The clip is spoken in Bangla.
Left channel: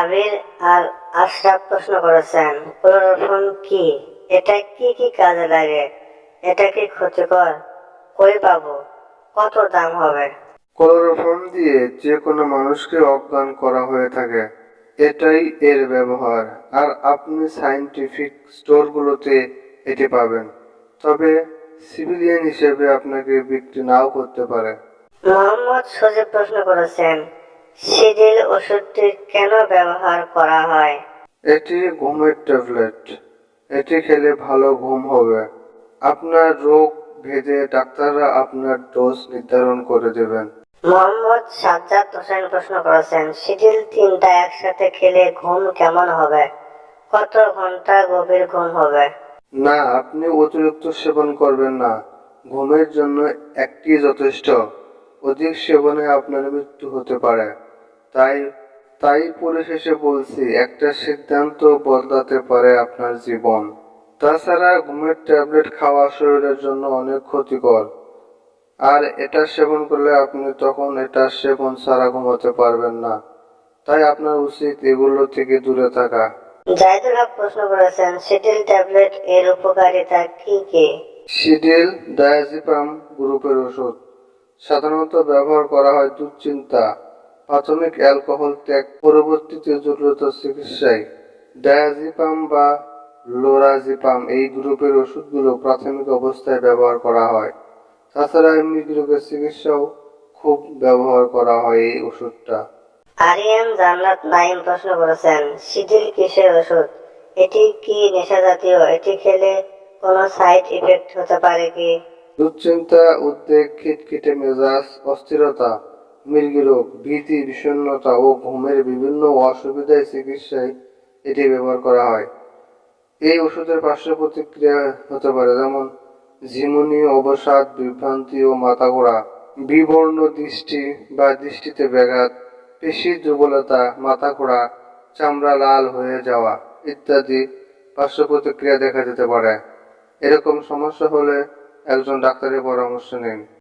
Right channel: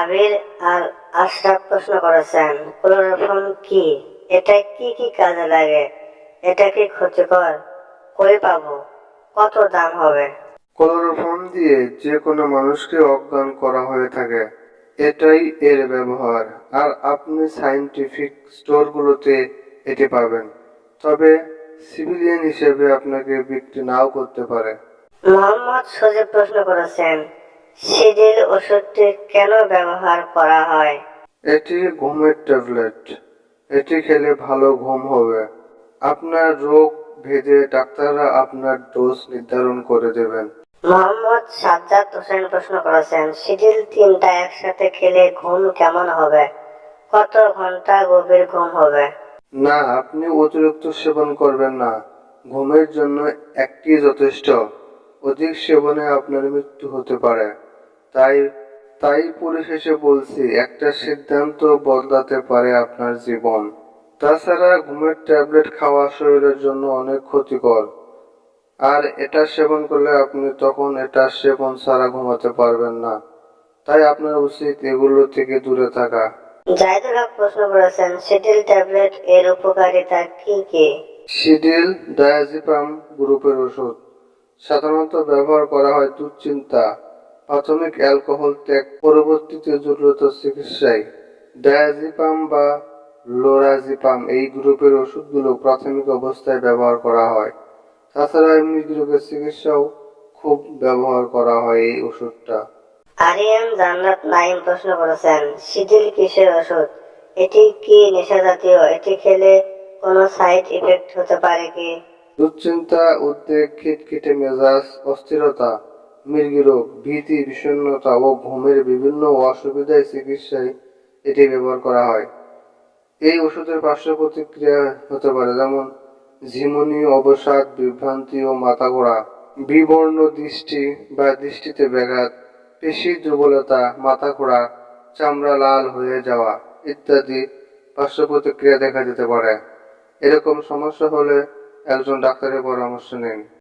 আবির আর আশরাফ প্রশ্ন করেছেন ক্লোরোফর্ম কি? এটা কি কি কাজে লাগে? এটা কি ক্ষতিকর? কই পাবো? কত দাম হবে? ক্লোরোফর্ম দিয়ে যে কোনো মানুষকে অজ্ঞান করা হয়ে থাকে। এটাই এর ব্যবহার। আর আপনি সায়েন্টিফিক স্টোরগুলোতে এটি পাবেন। তবে সিভিলিয়ান হিসেবে আপনাকে বিক্রি নাও করতে পারে। মোহাম্মদ সজীব প্রশ্ন করেছেন সিডিল ওষুধটি কেন ব্যবহার করা হয়? এটি ঘুমের ট্যাবলেট। এটি খেলে ভালো ঘুম হবে। আপনার রোগ ভেদে ডাক্তাররা আপনার ডোজ নির্ধারণ করে দেবেন। মোহাম্মদ সাজ্জাদ হোসেন প্রশ্ন করেছেন সিডিল তিনটা একসাথে খেলে ঘুম কেমন হবে? কত ঘণ্টা গভীর ঘুম হবে? না আপনি অতিরিক্ত সেবন করবেন না। ঘুমের জন্য একটি যথেষ্ট। অধিক সেবনে আপনার মৃত্যু হতে পারে। তাই তাই পরিশেষে বলছি একটা সিদ্ধান্ত বদলাতে পারে আপনার জীবন। তাছাড়া ঘুমের ট্যাবলেট খাওয়া শরীরের জন্য অনেক ক্ষতিকর। আর এটা সেবন করলে আপনি তখন এটা সেবন ছাড়া ঘুমাতে পারবেন না। তাই আপনার উচিত এগুলো থেকে দূরে থাকা। জাহিদুল হক প্রশ্ন করেছেন সিডিল ট্যাবলেট এর উপকারিতা কি কি? সিডিল ডায়াজিপাম গ্রুপের ওষুধ। সাধারণত ব্যবহার করা হয় দুশ্চিন্তা। প্রাথমিক অ্যালকোহল ত্যাগ পরবর্তীতে জটিলতা চিকিৎসায় ডায়াজিপাম বা লোরাজিপাম। এই গ্রুপের ওষুধগুলো প্রাথমিক অবস্থায় ব্যবহার করা হয়। তাছাড়া এমনি রোগের চিকিৎসাও খুব ব্যবহার করা হয় এই ওষুধটা। আরিয়ান জান্নাত নাইম প্রশ্ন করেছেন সিডিল কিসের ওষুধ? এটি কি নেশা জাতীয় এটি খেলে কোনো সাইড ইফেক্ট হতে পারে কি? দুশ্চিন্তা উদ্বেগ খিটখিটে মেজাজ অস্থিরতা। মৃগী রোগ, ভীতি, বিষণ্ণতা ও ঘুমের বিভিন্ন অসুবিধায় চিকিৎসায় এটি ব্যবহার করা হয়। এই ওষুধের পার্শ্ব প্রতিক্রিয়া হতে পারে যেমন ঝিমুনি, অবসাদ, বিভ্রান্তি ও মাথা ঘোরা বিবর্ণ দৃষ্টি বা দৃষ্টিতে ব্যাঘাত পেশির দুর্বলতা মাথা ঘোরা চামড়া লাল হয়ে যাওয়া ইত্যাদি পার্শ্ব প্রতিক্রিয়া দেখা যেতে পারে। এরকম সমস্যা হলে একজন ডাক্তারের পরামর্শ নিন।